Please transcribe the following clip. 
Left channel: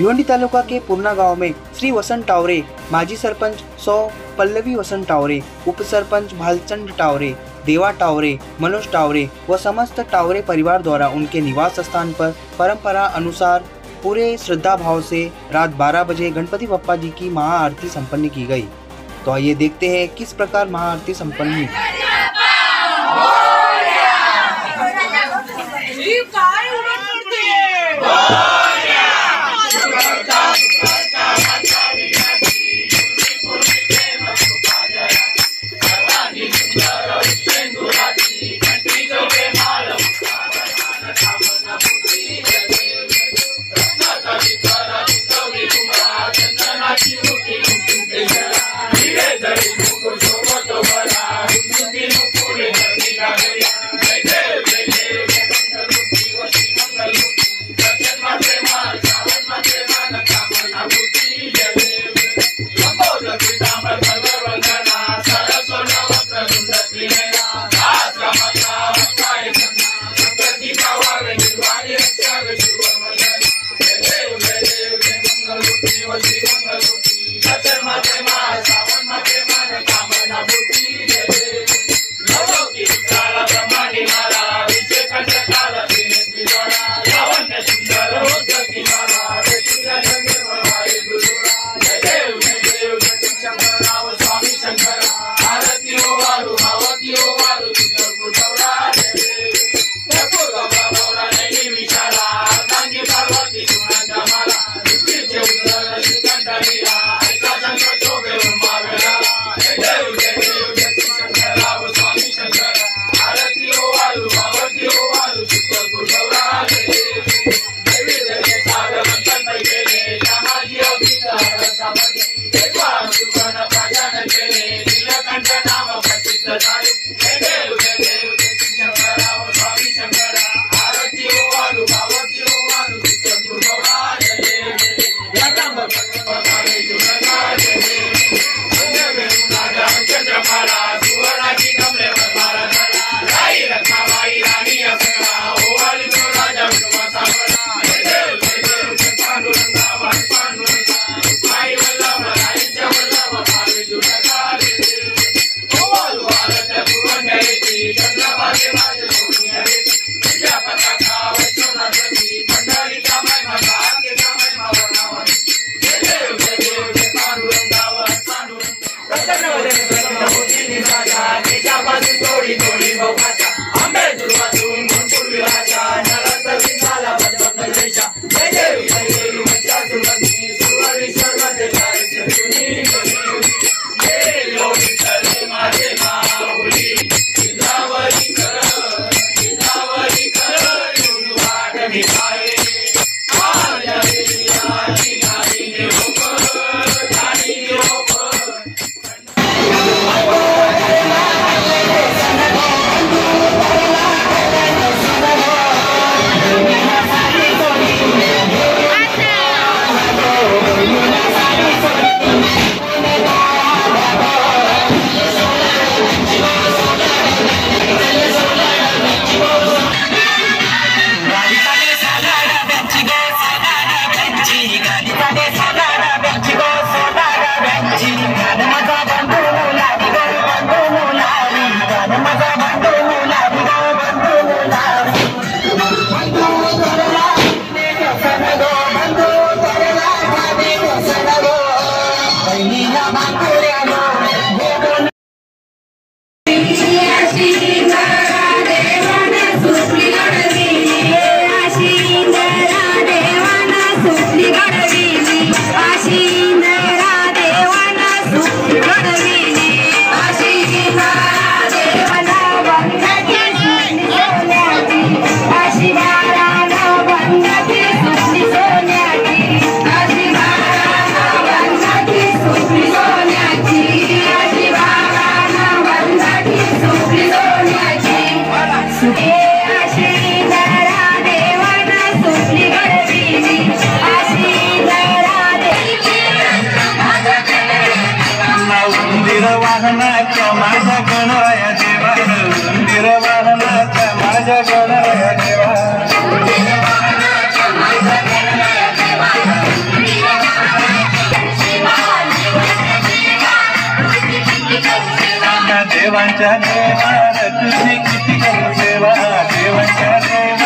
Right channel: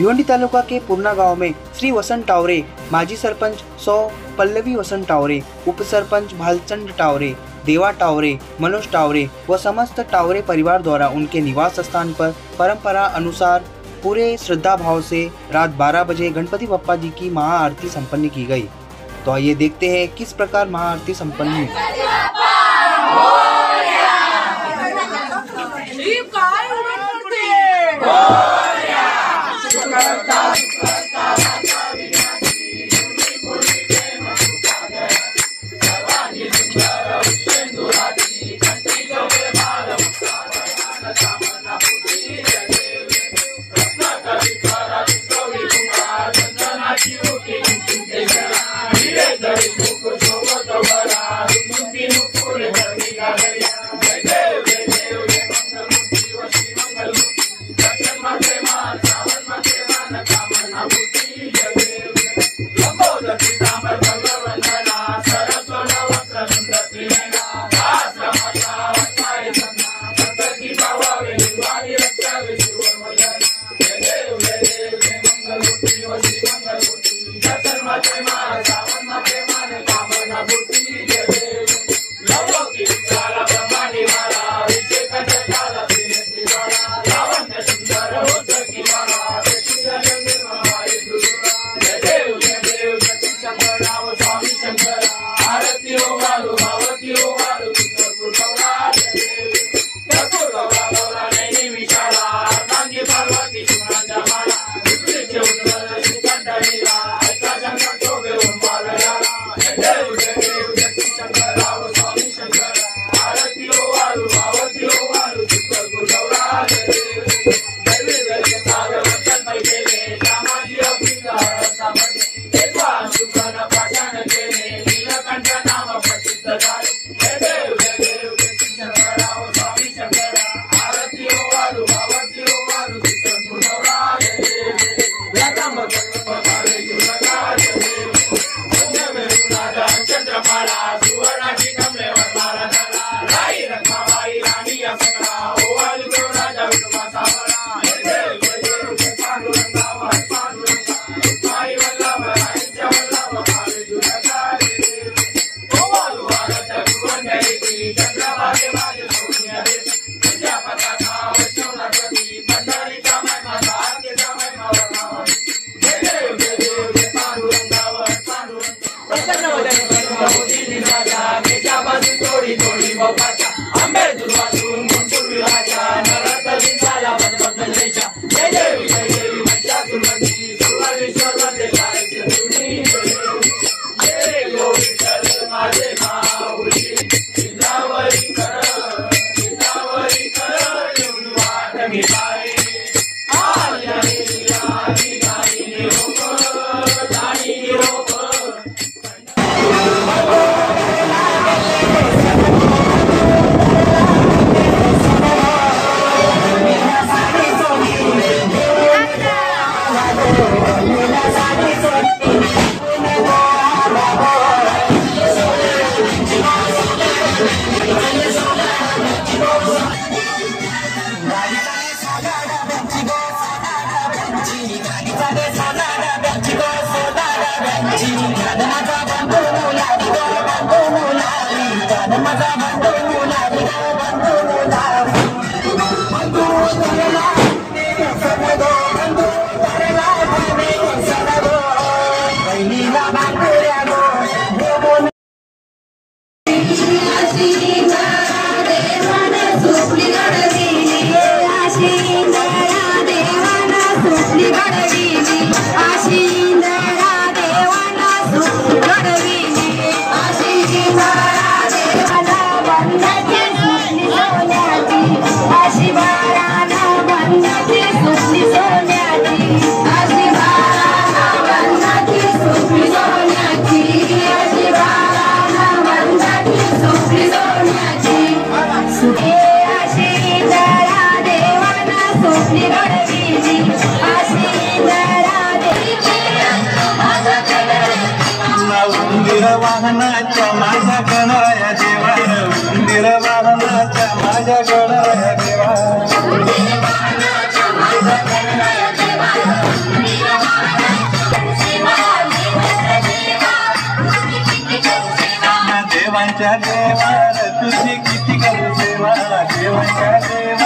भिवंडी तालुका के पूर्णा गांव में श्री वसंत टावरे, माजी सरपंच सौ पल्लवी वसंत टावरे, उप सरपंच भालचंद टावरे, देवा टावरे, मनोज टावरे व समस्त टावरे परिवार द्वारा उनके निवास स्थान पर परंपरा अनुसार पूरे श्रद्धा भाव से रात 12 बजे गणपति बप्पा जी की महाआरती संपन्न की गई। तो आइए देखते हैं किस प्रकार महाआरती संपन्न हुई। देवांच्या देवा तुझी किती करू सेवा देवांच्या देवा